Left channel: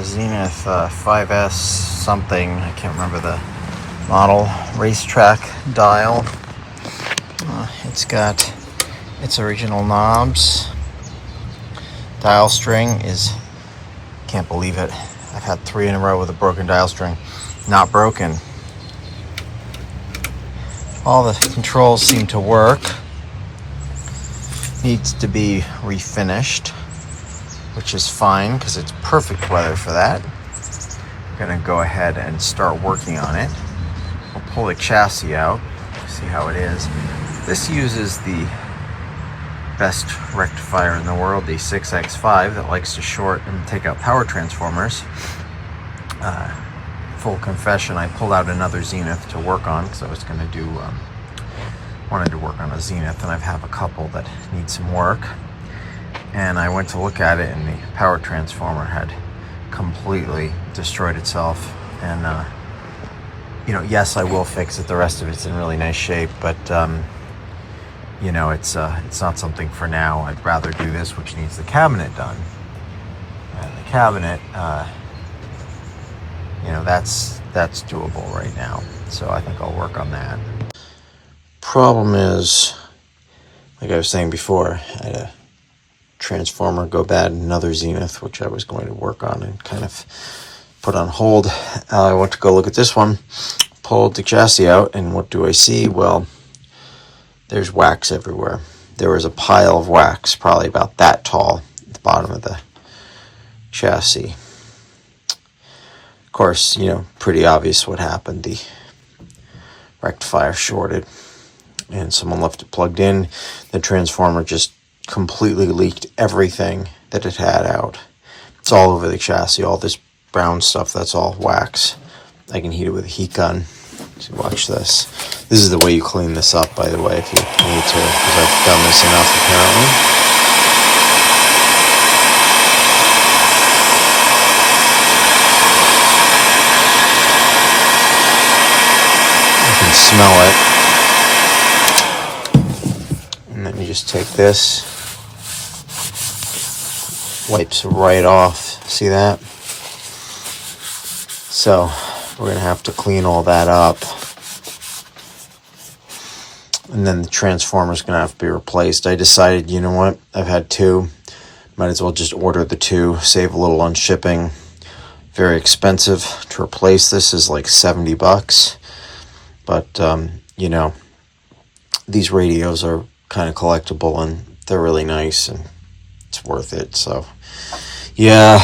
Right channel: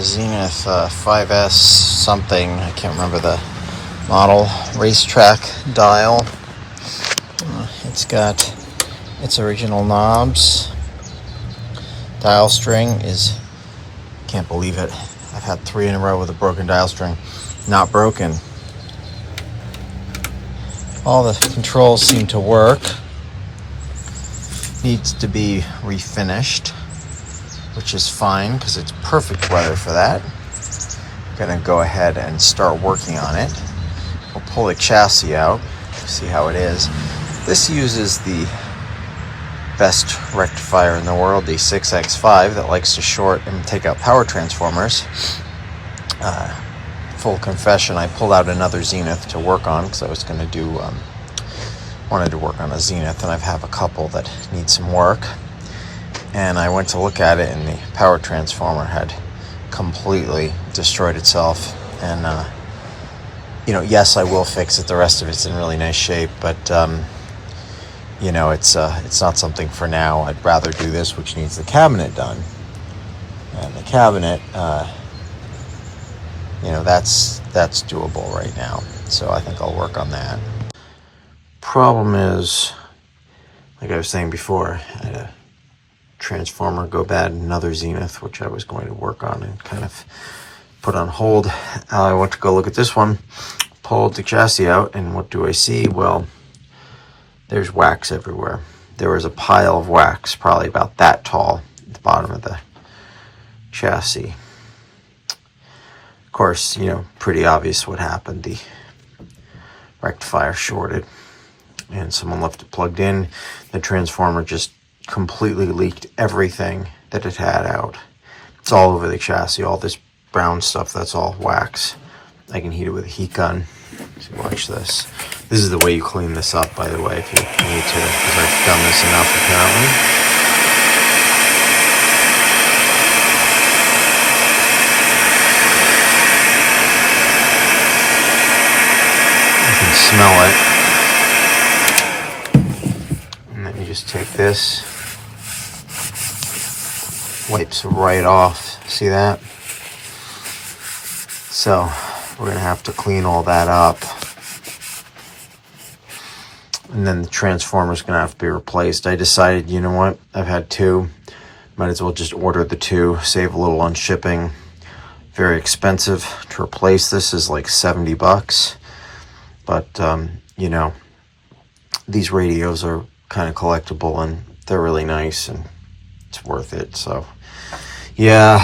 a Zenith 5S something, I can't remember the model, racetrack dial. It's got its original knobs. Dial string is, can't believe it, I've had 3 in a row with a broken dial string. Not broken. All the controls seem to work. Needs to be refinished, which is fine because it's perfect weather for that. Gonna go ahead and start working on it. We'll pull the chassis out, see how it is. This uses the best rectifier in the world, the 6X5, that likes to short and take out power transformers. Full confession, I pulled out another Zenith to work on because I was going to do, wanted to work on a Zenith, and I have a couple that need some work. And I went to look at it, and the power transformer had completely destroyed itself. And yes, I will fix it. The rest of it's in really nice shape, but it's not something for now. I'd rather do this, which needs the cabinet done. And the cabinet, that's doable right now. So I think I'll work on that. Problem is, like I was saying before, I had a transformer go bad in another Zenith, which I was going to work on and kind of put on hold. I went to go look at this one, pulled the chassis out, and what do I see? Well, there's wax everywhere. There was a pile of wax, probably about that tall, at the bottom of the chassis. Of course, pretty obvious what happened. The rectifier shorted, and someone left it plugged in. The transformer just completely leaked everything that it had out. It's all over the chassis. All this brown stuff, that's all wax. I can heat it with a heat gun. So watch this. This is the way you clean this up, by the way, if you need to, because I've done this enough apparently. You can smell it. And then you just take this, wipes right off. See that? So we're going to have to clean all that up. And then the transformer's going to have to be replaced. I decided, you know what? I've had 2. Might as well just order the 2. Save a little on shipping. Very expensive to replace. This is like $70. But, these radios are kind of collectible and they're really nice and it's worth it. So, yeah,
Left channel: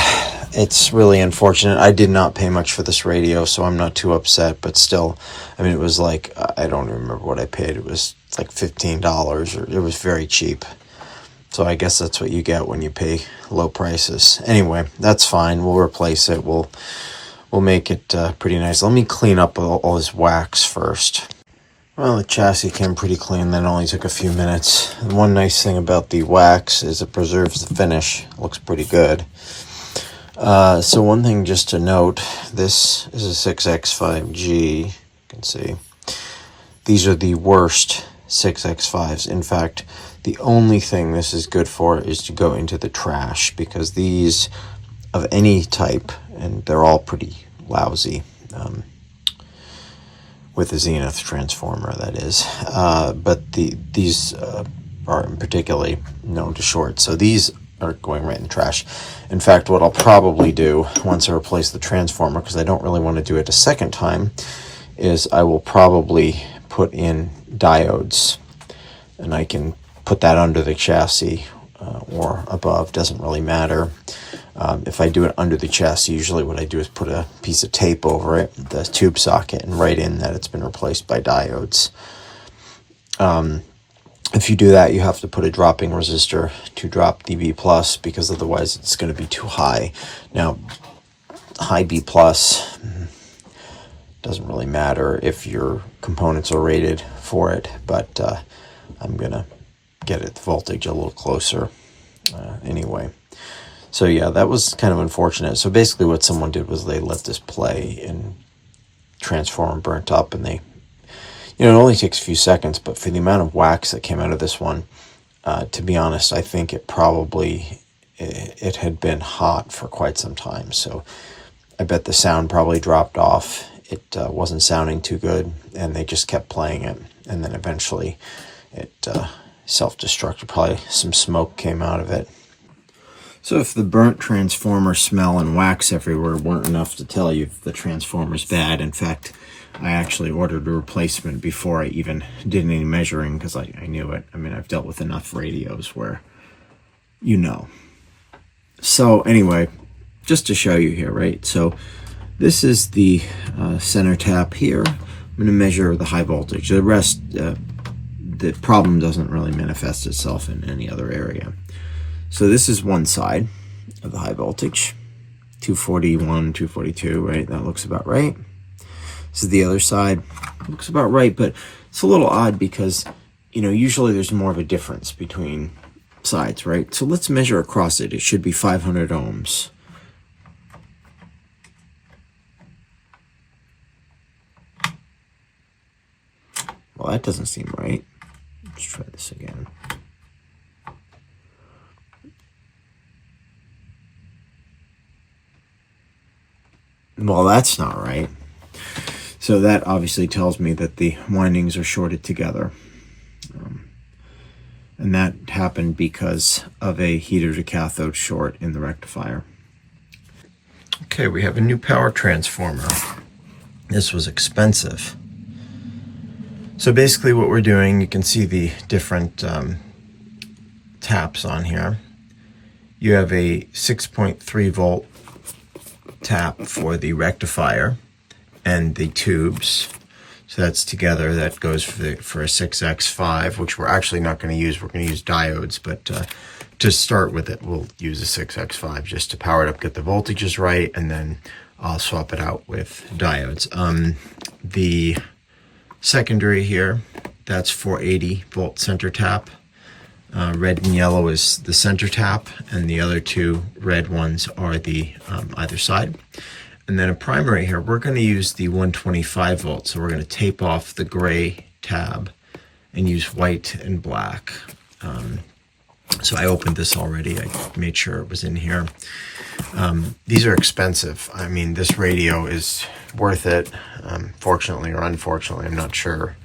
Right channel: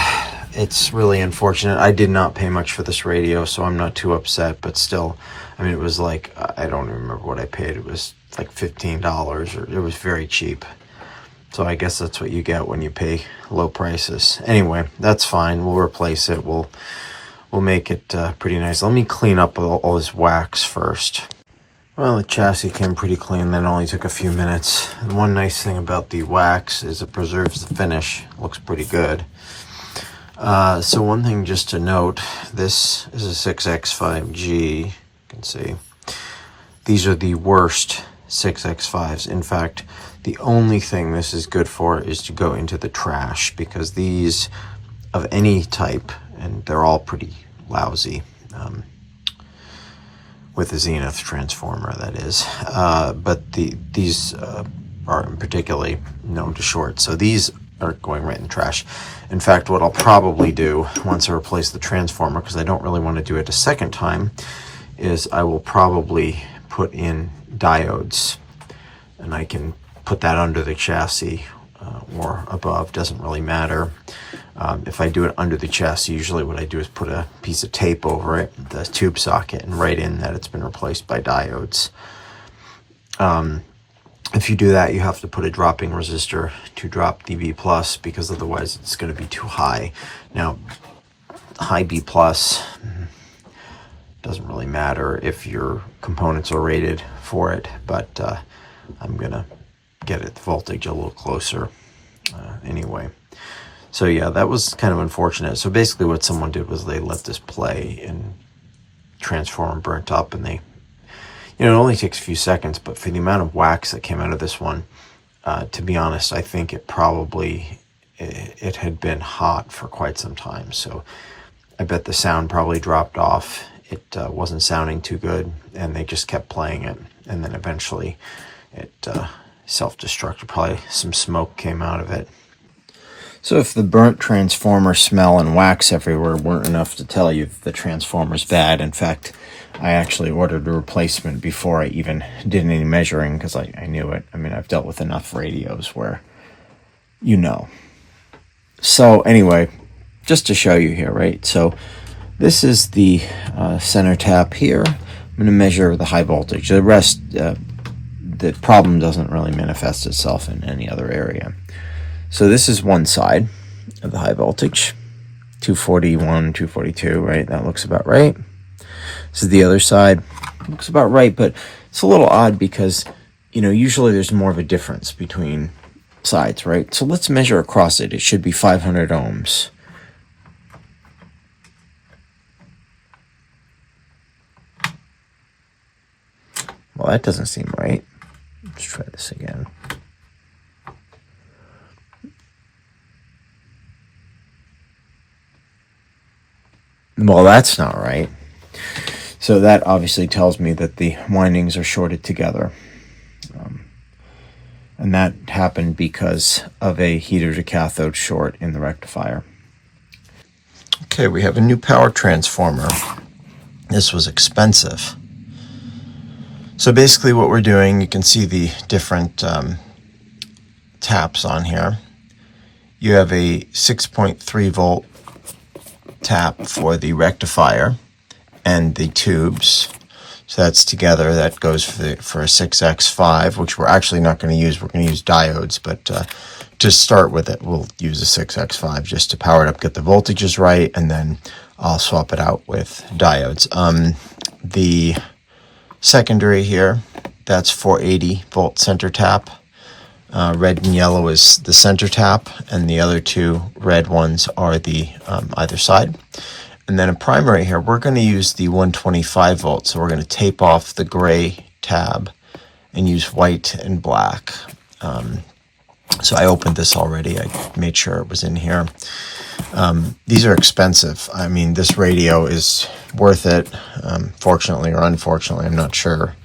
it's really unfortunate. I did not pay much for this radio, so I'm not too upset, but still, it was like, I don't remember what I paid. It was like $15, or it was very cheap. So I guess that's what you get when you pay low prices. Anyway, that's fine. We'll replace it. We'll make it pretty nice. Let me clean up all this wax first. Well, the chassis came pretty clean. That only took a few minutes. And one nice thing about the wax is it preserves the finish. It looks pretty good. So one thing just to note, this is a 6X5G. You can see. These are the worst 6X5s. In fact, the only thing this is good for is to go into the trash, because these of any type, and they're all pretty lousy, with the Zenith transformer, that is. But these are particularly known to short. So these are going right in the trash. In fact, what I'll probably do once I replace the transformer, because I don't really want to do it a second time, is I will probably put in diodes. And I can put that under the chassis or above, doesn't really matter. If I do it under the chassis, usually what I do is put a piece of tape over it, the tube socket, and write in that it's been replaced by diodes. If you do that, you have to put a dropping resistor to drop the B+, because otherwise it's going to be too high. Now, high B+, doesn't really matter if your components are rated for it, but I'm going to get the voltage a little closer anyway. So yeah, that was kind of unfortunate. So basically what someone did was they let this play and transformer burnt up, and they, it only takes a few seconds, but for the amount of wax that came out of this one, to be honest, I think it probably it had been hot for quite some time. So I bet the sound probably dropped off. It wasn't sounding too good, and they just kept playing it. And then eventually it self-destructed. Probably some smoke came out of it. So if the burnt transformer smell and wax everywhere weren't enough to tell you the transformer's bad, in fact, I actually ordered a replacement before I even did any measuring because I knew it. I mean, I've dealt with enough radios where you know. So anyway, just to show you here, right? So this is the center tap here. I'm going to measure the high voltage. The rest, the problem doesn't really manifest itself in any other area. So this is one side of the high voltage, 241, 242, right? That looks about right. This is the other side. Looks about right, but it's a little odd because, you know, usually there's more of a difference between sides, right? So let's measure across it. It should be 500 ohms. Well, that doesn't seem right. Let's try this again. Well, that's not right. So that obviously tells me that the windings are shorted together. And that happened because of a heater to cathode short in the rectifier. Okay, we have a new power transformer. This was expensive. So basically what we're doing, you can see the different taps on here. You have a 6.3 volt tap for the rectifier and the tubes. So that's together. That goes for a 6x5, which we're actually not going to use. We're going to use diodes, but to start with it, we'll use a 6x5 just to power it up, get the voltages right, and then I'll swap it out with diodes. The secondary here, that's 480 volt center tap. Red and yellow is the center tap, and the other two red ones are the either side. And then a primary here, we're going to use the 125 volts. So we're going to tape off the gray tab and use white and black. So I opened this already. I made sure it was in here. These are expensive. I mean, this radio is worth it. Fortunately or unfortunately, I'm not sure,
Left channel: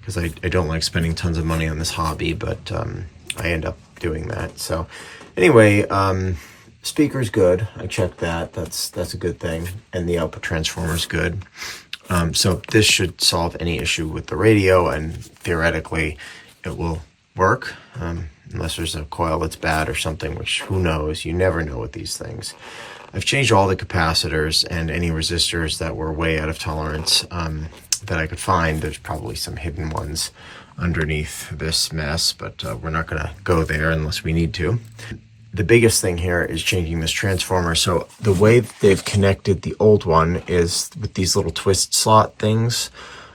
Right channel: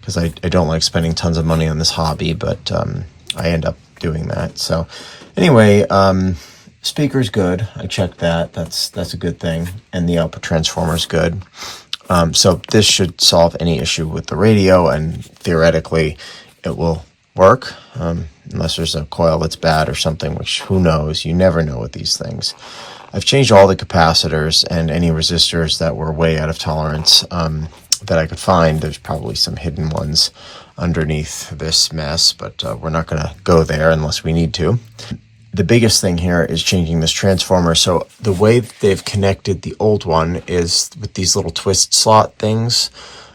because I don't like spending tons of money on this hobby, but I end up doing that. So anyway, speaker's good. I checked that. That's a good thing. And the output transformer is good. So this should solve any issue with the radio, and theoretically it will work, unless there's a coil that's bad or something, which who knows? You never know with these things. I've changed all the capacitors and any resistors that were way out of tolerance that I could find. There's probably some hidden ones underneath this mess, but we're not going to go there unless we need to. The biggest thing here is changing this transformer. So the way they've connected the old one is with these little twist slot things.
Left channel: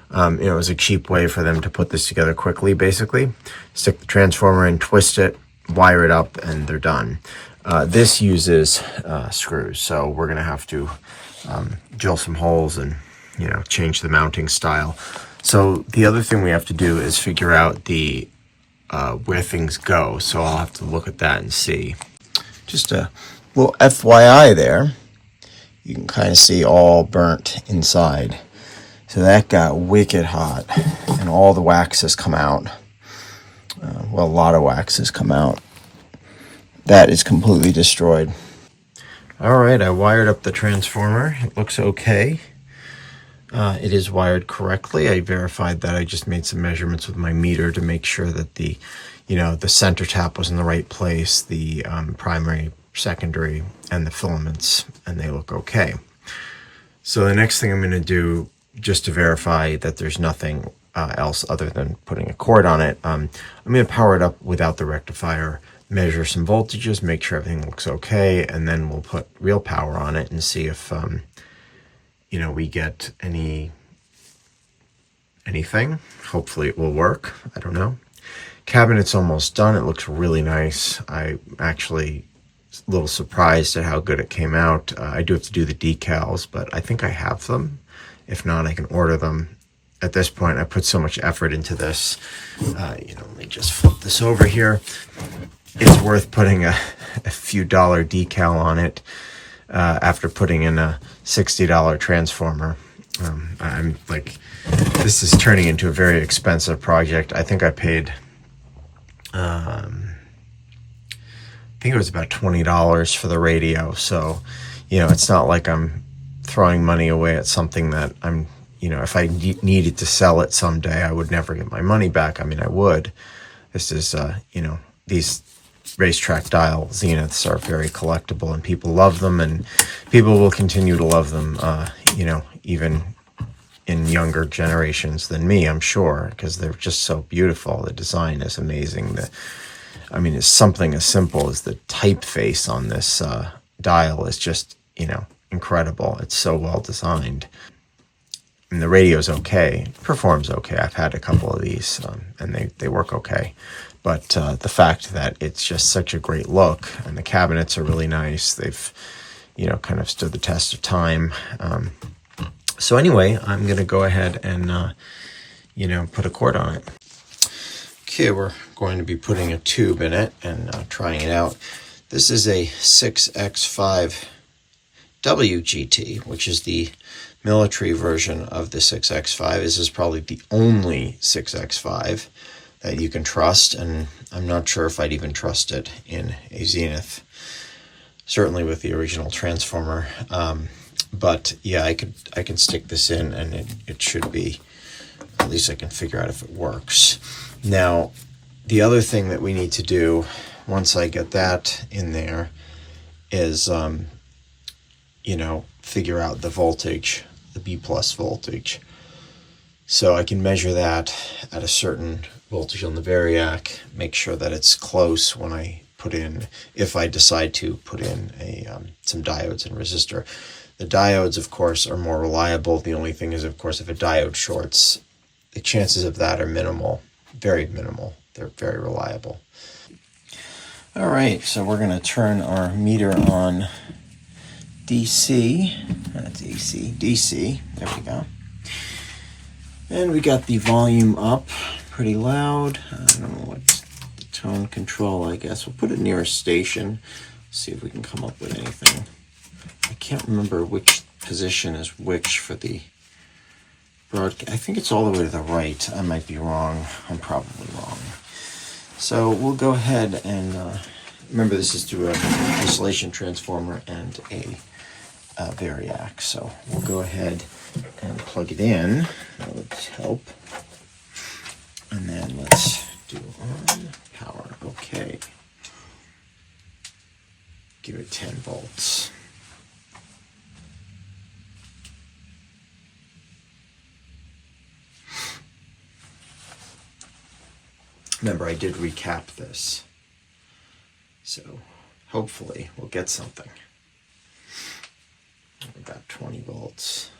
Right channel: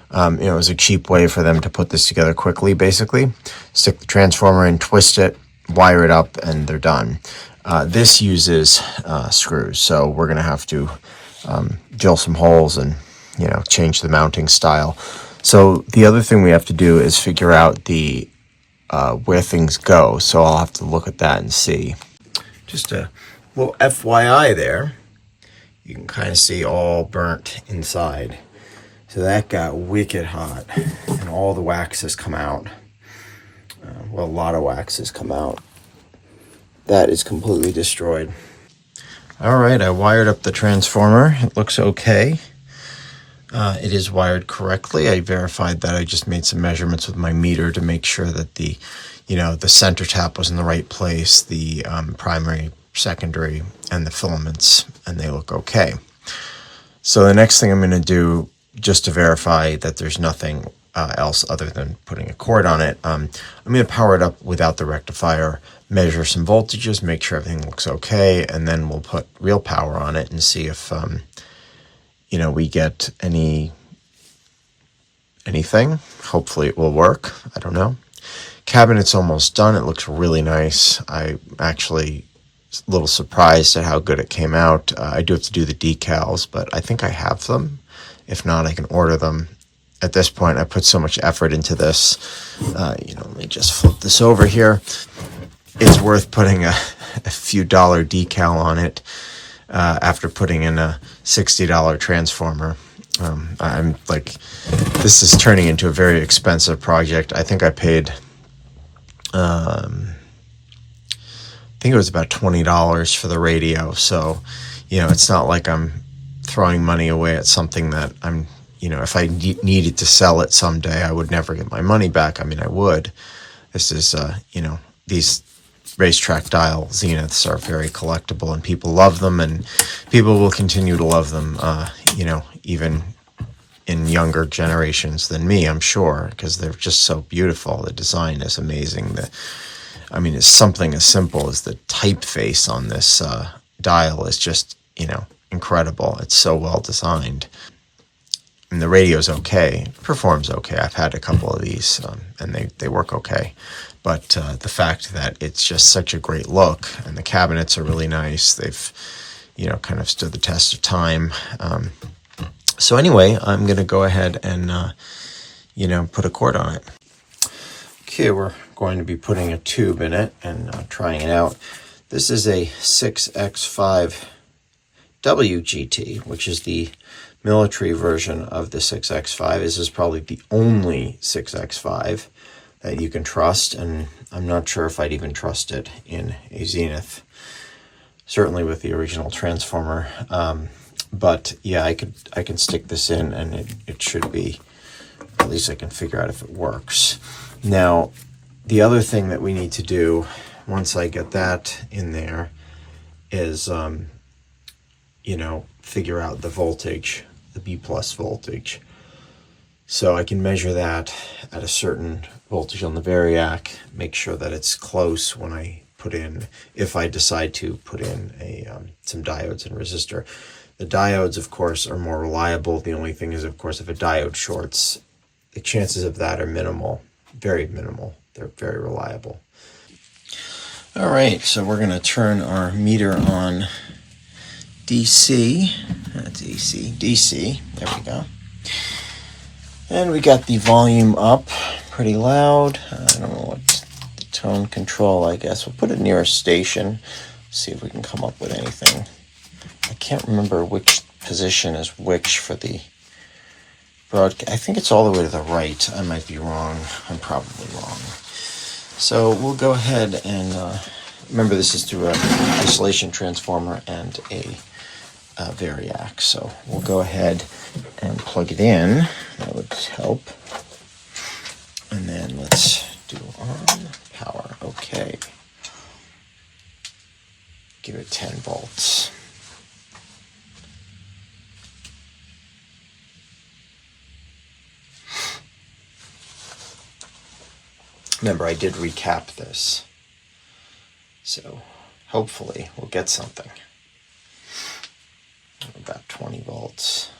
It was a cheap way for them to put this together quickly, basically. Stick the transformer in, twist it, wire it up, and they're done. This uses screws, so we're going to have to drill some holes and, change the mounting style. So the other thing we have to do is figure out the where things go. So I'll have to look at that and see. Just a little FYI there. You can kind of see all burnt inside. So that got wicked hot, and all the wax has come out. Well, a lot of wax has come out. That is completely destroyed. All right, I wired up the transformer. It looks okay. It is wired correctly. I verified that. I just made some measurements with my meter to make sure that the center tap was in the right place, the primary, secondary, and the filaments, and they look okay. So the next thing I'm going to do, just to verify that there's nothing else other than putting a cord on it, I'm going to power it up without the rectifier, measure some voltages, make sure everything looks okay, and then we'll put real power on it and see if we get anything. Hopefully it will work. I don't know. Cabinet's almost done. It looks really nice. I actually a little surprised at how good it came out. I do have to do the decals, but I think I have them. If not, I can order them. At this point, I put so much effort into this. Let me just flip this over here. it's worth putting a few dollar decal on it after putting in a $60 transformer. I'm like, this is turning into a very expensive project. I think I paid, I think it was about $20 for the radio. So, it's not like I'm throwing money away at something that I'm, if I needed to sell it someday, I would never get my money back. I mean, I would. This is, these racetrack dial Zeniths are very collectible, and people love them, and people will continue to love them, even in younger generations than me, I'm sure, because they're just so beautiful. The design is amazing. It's something as simple as the typeface on this dial is just, incredible. It's so well designed. And the radio's okay, performs okay. I've had a couple of these, and they work okay. But the fact that it's just such a great look, and the cabinets are really nice. They've, kind of stood the test of time. So anyway, I'm going to go ahead and, put a cord on it. Okay, we're going to be putting a tube in it and trying it out. This is a 6X5 WGT, which is the military version of the 6X5. This is probably the only 6X5 that you can trust, and I'm not sure if I'd even trust it in a Zenith, certainly with the original transformer. But yeah, I can stick this in, and it should be, at least I can figure out if it works. Now, the other thing that we need to do once I get that in there is, figure out the voltage, the B+ voltage. So I can measure that at a certain voltage on the variac, make sure that it's close when I put in, if I decide to put in some diodes and resistor. The diodes, of course, are more reliable. The only thing is, of course, if a diode shorts, the chances of that are minimal, very minimal. They're very reliable. All right, so we're going to turn our meter on DC. That's AC, DC. There we go. And we got the volume up pretty loud. I don't know what's the tone control, I guess. We'll put it near a station, see if we can come up with anything. I can't remember which position is which for the broadcast. I think it's all the way to the right. I might be wrong. I'm probably wrong. So we'll go ahead and remember, this is through an isolation transformer and a variac. So we'll go ahead and plug it in. That would help. And then let's do on power. Okay. Give it 10 volts. Remember, I did recap this, so hopefully we'll get something. About 20 volts.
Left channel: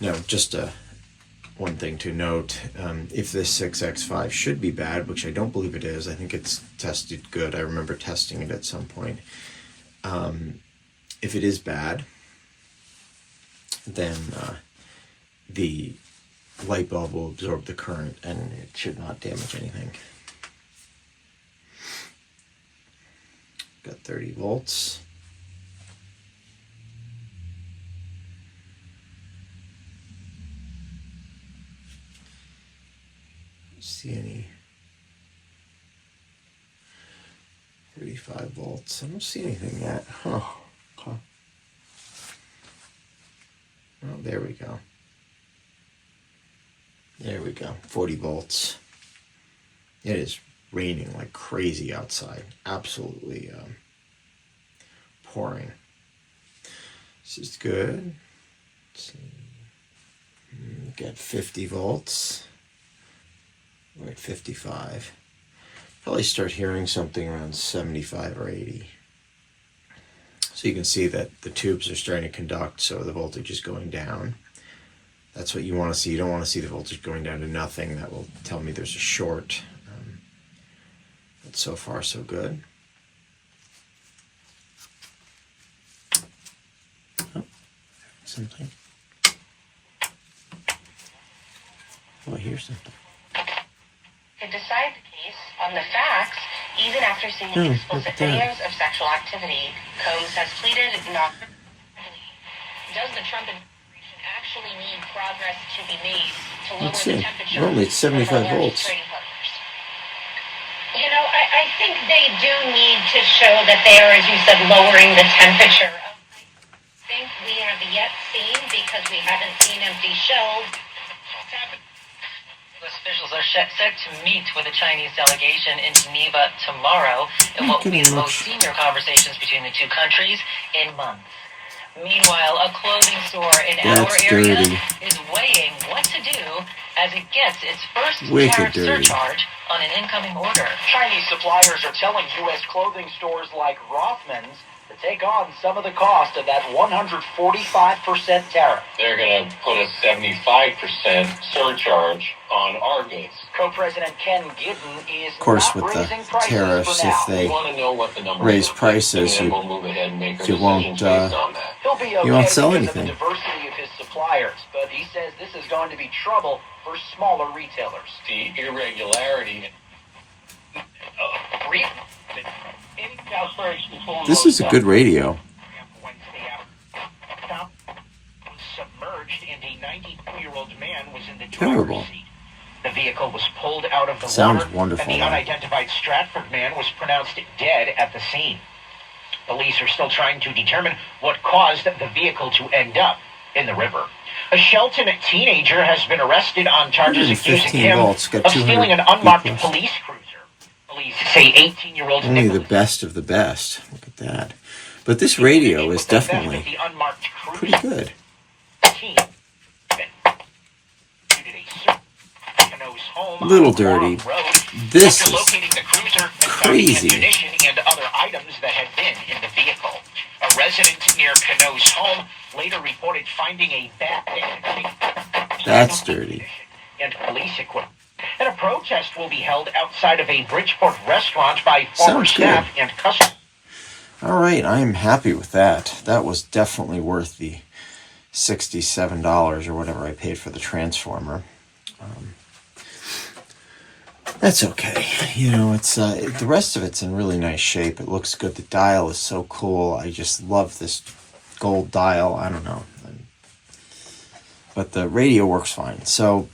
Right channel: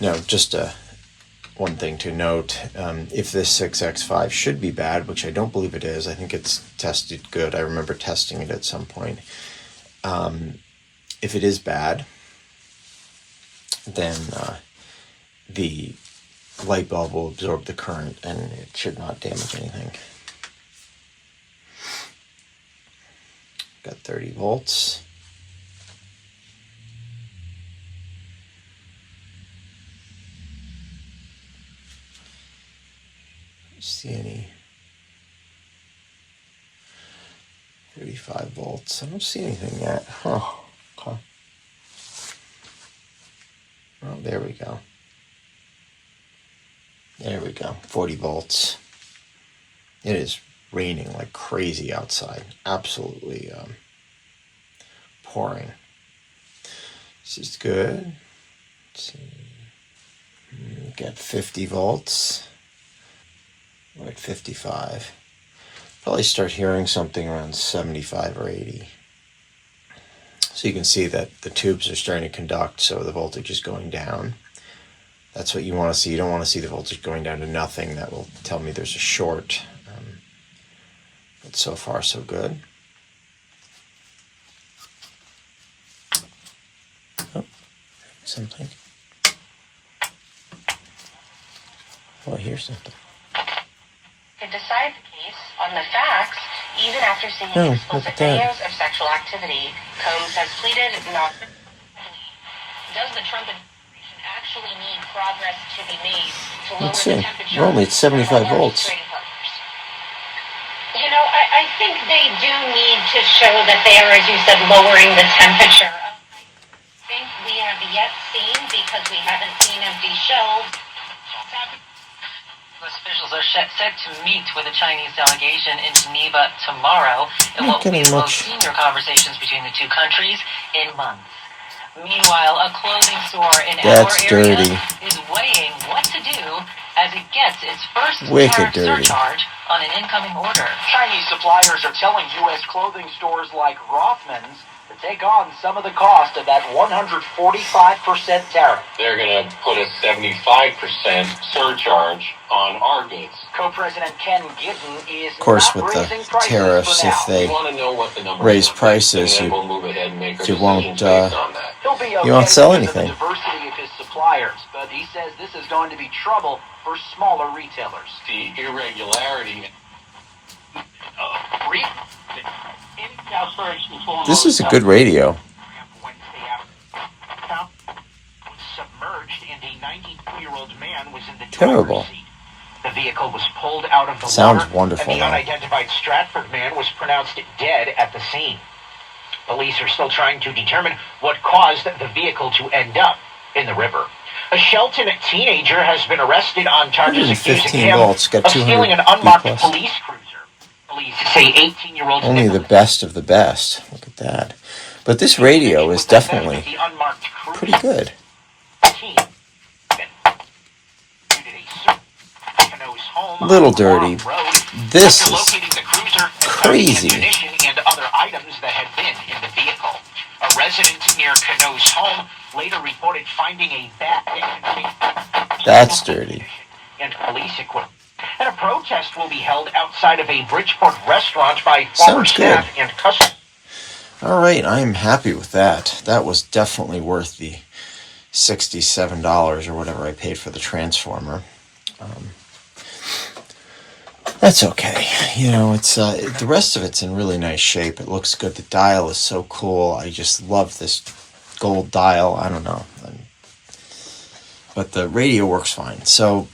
Now, just one thing to note, if this 6X5 should be bad, which I don't believe it is, I think it's tested good. I remember testing it at some point. If it is bad, then the light bulb will absorb the current and it should not damage anything. Got 30 volts. See any 35 volts. I don't see anything yet. Oh, okay. Oh, there we go. There we go. 40 volts. It is raining like crazy outside. Absolutely pouring. This is good. Let's see. Get 50 volts. We're at 55. Probably start hearing something around 75 or 80. So you can see that the tubes are starting to conduct, so the voltage is going down. That's what you want to see. You don't want to see the voltage going down to nothing. That will tell me there's a short. But so far, so good. Oh, something. Oh, I hear something. to decide the case on the facts, even after seeing explicit videos of sexual activity. Combs has pleaded not. Does the Trump administration actually need progress to be made to lower the temperature? We're only at 75 volts. You know, I think they do need to show that they are, as you said, lowering the temperature. I think we have yet seen, because we haven't seen empty shelves. Officials are set to meet with a Chinese delegation in Geneva tomorrow in what will be the most senior conversations between the two countries in months. Meanwhile, a clothing store in our area is weighing what to do as it gets its first tariff surcharge on an incoming order. Chinese suppliers are telling U.S. clothing stores like Rothman's to take on some of the cost of that 145% tariff. They're going to put a 75% surcharge on our goods. Co-President Ken Giddens is of course, with the tariffs, if they raise prices, you won't sell anything. The diversity of his suppliers, but he says this is going to be trouble for smaller retailers. The irregularity. This is a good radio. Submerged and a 92-year-old man was in the Terrible. Seat. The vehicle was pulled out of the Sounds water, wonderful, and the unidentified Stratford man was pronounced dead at the scene. Police are still trying to determine what caused the vehicle to end up in the river. A Shelton teenager has been arrested on charges accusing him of stealing an unmarked police cruiser. Police say 18-year-old only the best of the best. Look at that. But this radio is definitely pretty good. A little dirty. This is crazy. And other items that had been in the vehicle. A resident near Cano's home later reported finding a bag. That's dirty. And police equipment. And a protest will be held outside of a Bridgeport restaurant by former staff and customers. All right, I am happy with that. That was definitely worth the $67 or whatever I paid for the transformer. That's okay. You know, it's the rest of it's in really nice shape. It looks good. The dial is so cool. I just love this gold dial. I don't know. But the radio works fine. So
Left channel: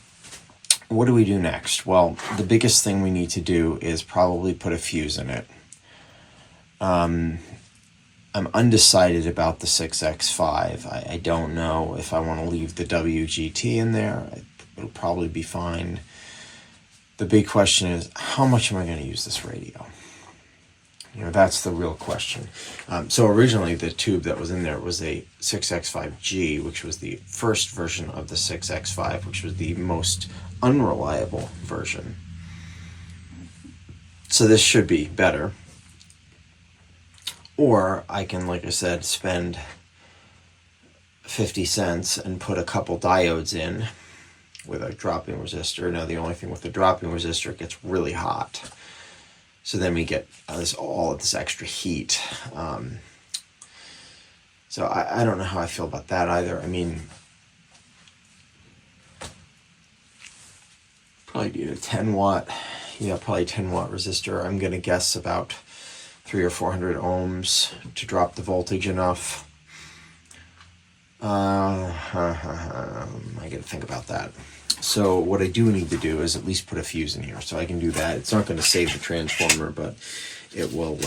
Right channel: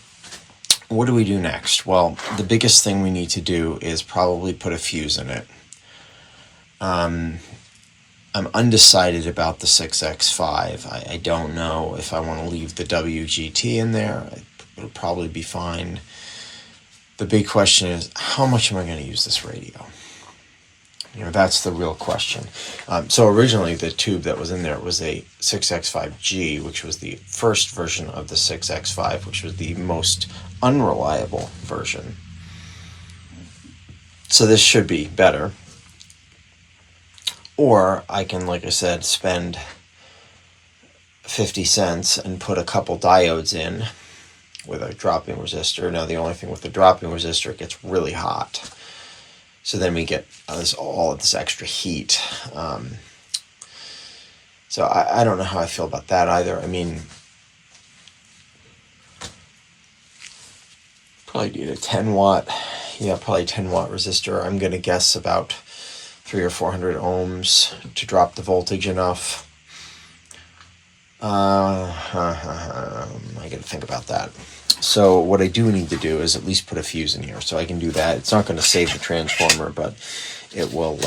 what do we do next? Well, the biggest thing we need to do is probably put a fuse in it. I'm undecided about the 6X5. I don't know if I want to leave the WGT in there. It'll probably be fine. The big question is, how much am I going to use this radio? You know, that's the real question. So originally the tube that was in there was a 6X5G, which was the first version of the 6X5, which was the most unreliable version. So this should be better. Or I can, like I said, spend 50 cents and put a couple diodes in with a dropping resistor. Now the only thing with the dropping resistor, it gets really hot. So then we get all of this extra heat. So I don't know how I feel about that either. I mean, probably need a 10 watt, probably 10 watt resistor. I'm going to guess about 300 or 400 ohms to drop the voltage enough. I got to think about that. So what I do need to do is at least put a fuse in here, so I can do that. It's not going to save the transformer, but it will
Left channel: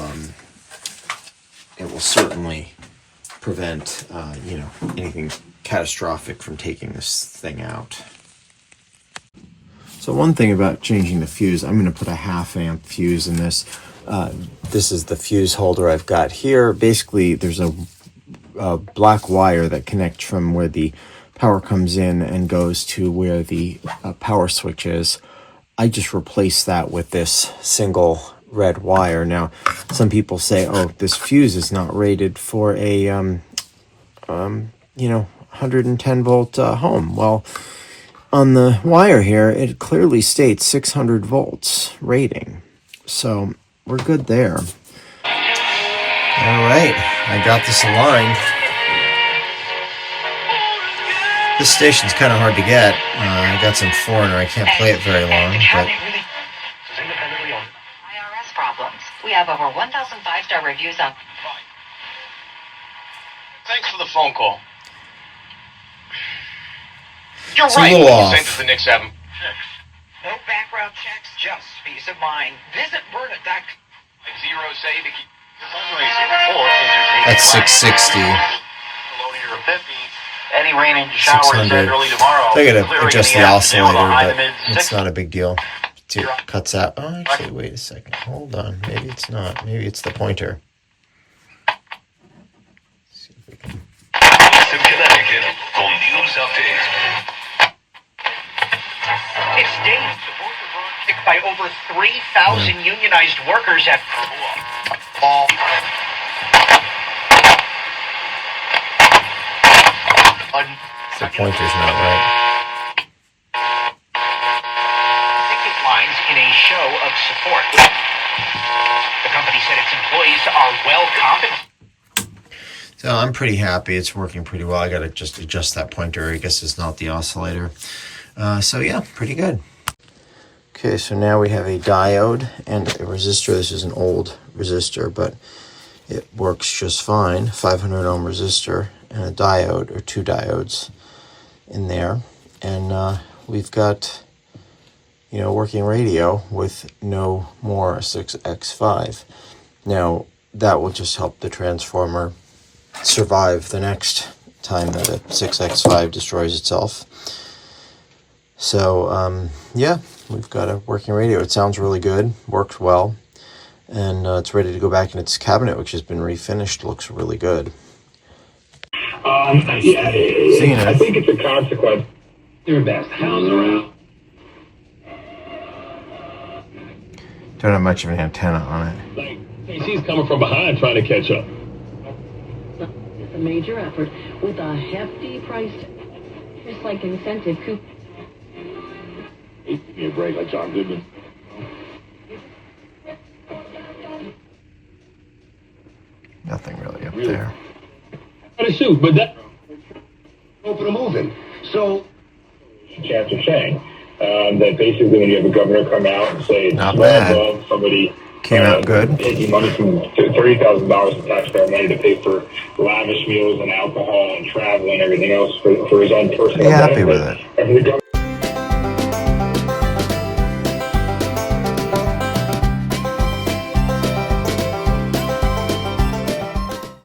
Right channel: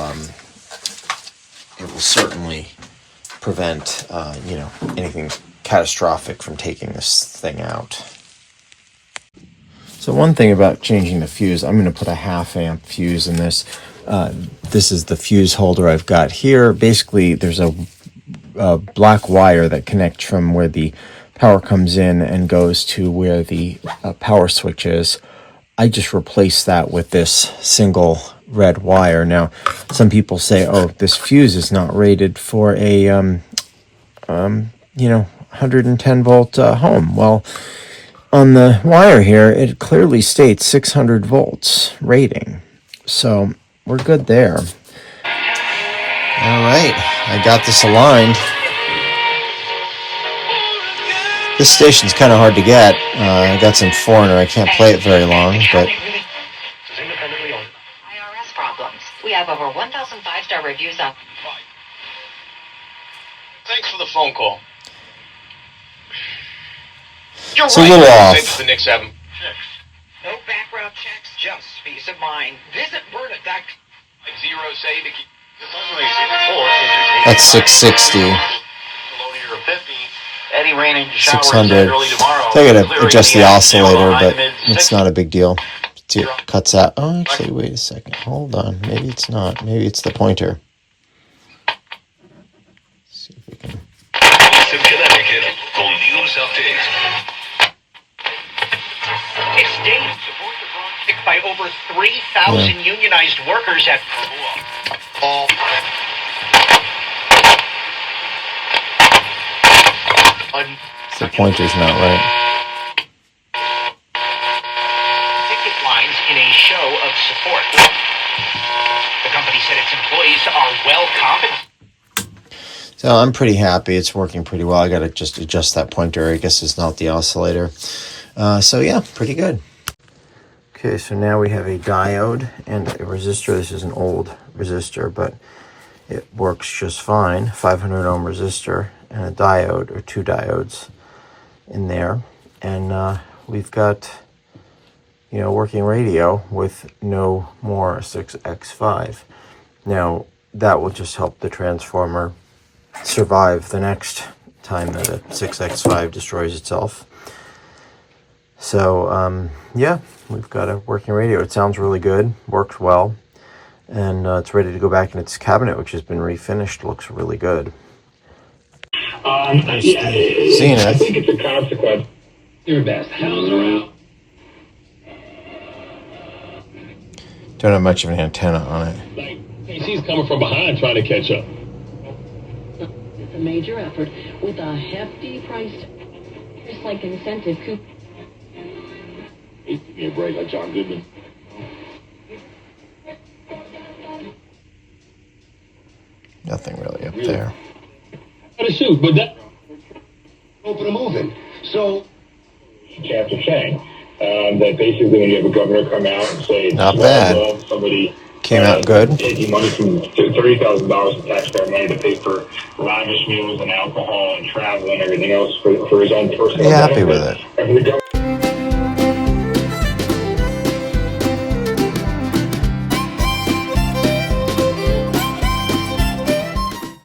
certainly prevent anything catastrophic from taking this thing out. So one thing about changing the fuse, I'm going to put a 1/2 amp fuse in this. This is the fuse holder I've got here. Basically, there's a black wire that connects from where the power comes in and goes to where the power switch is. I just replaced that with this single red wire. Now, some people say, oh, this fuse is not rated for a 110 volt home. Well, on the wire here, it clearly states 600 volts rating. So we're good there. All right, I got this aligned. This station's kind of hard to get. I got some foreigner. I can't play it very long, but have over 1,000 five-star reviews on... Thanks for the phone call. You're So right. little Say off. that the Knicks have him. No background checks, just peace of mind. Visit Bernadette. Zero say to keep the That's 660. Eddie rain into showers 600. early tomorrow. They're going to Clearing adjust in the afternoon, oscillator, high but to mid it's 60s. not a big deal. See, it cuts out. Oh, actually, wait a second. Hold on. Maybe it's not. Maybe it's the pointer. See if we can... Boston, Connecticut. Full news update. It's Dave. Picked by over 3,000 unionized workers at all. The pointer's not right. Ticket lines in a show of support. The company said its employees are well compensated. So I'm pretty happy. It's working pretty well. I got to just adjust that pointer. I guess it's not the oscillator. So yeah, pretty good. Okay, so now we have a diode and a resistor. This is an old resistor, but it works just fine. 500 ohm resistor and a diode, or two diodes in there. And we've got, working radio with no more 6x5. Now, that will just help the transformer survive the next time that a 6x5 destroys itself. So, yeah, we've got a working radio. It sounds really good, works well, and it's ready to go back in its cabinet, which has been refinished. Looks really good. Zenith. I think it's a consequence. Your best house around. Don't have much of an antenna on it. Like, she's coming from behind trying to catch up. It's a major effort with a hefty price, just like incentive coupon. Give me a break like John Goodman. Nothing really up there. Try to shoot, but that open a moving. So chance of saying that basically when you have a governor come out and say it's Not well bad. above somebody Came out good. taking money from $30,000 in taxpayer money to pay for lavish meals and alcohol and travel and everything else for his own personal Pretty happy with benefit. it. And for the governor